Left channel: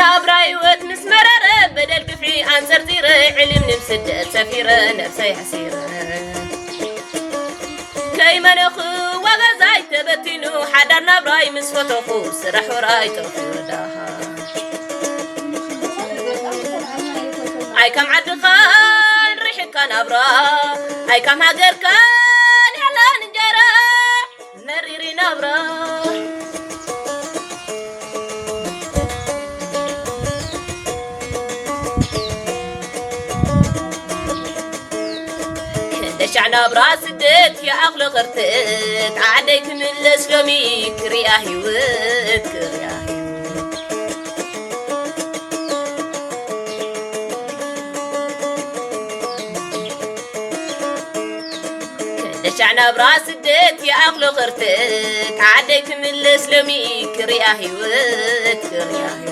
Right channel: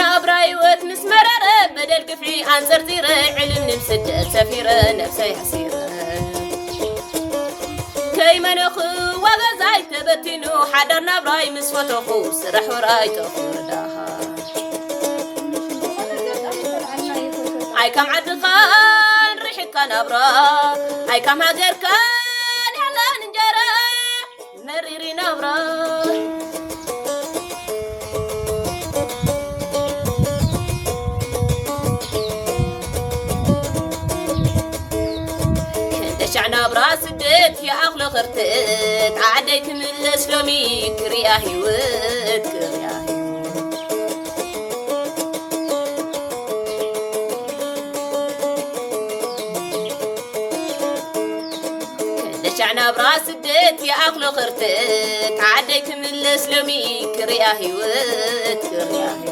نابراي وت مسمرر بدل كفعي أنصر زيرة علم نمسد سفيرة نفسي حسيرة كيما نخو وغزاي تبتنو حدر نابراي مسفتخو سرح وراي تخوردها أي كم عدخان ريحك نابرا أي كم هجر كان إعلان جرا مريري نابرا دشعنا براس الدت يا أغلى غرتت عاديك من الإسلامي كريا هيوت كريا دشعنا براس الدت يا أغلى غرتت عاديك من الإسلامي كريا هيوت كريا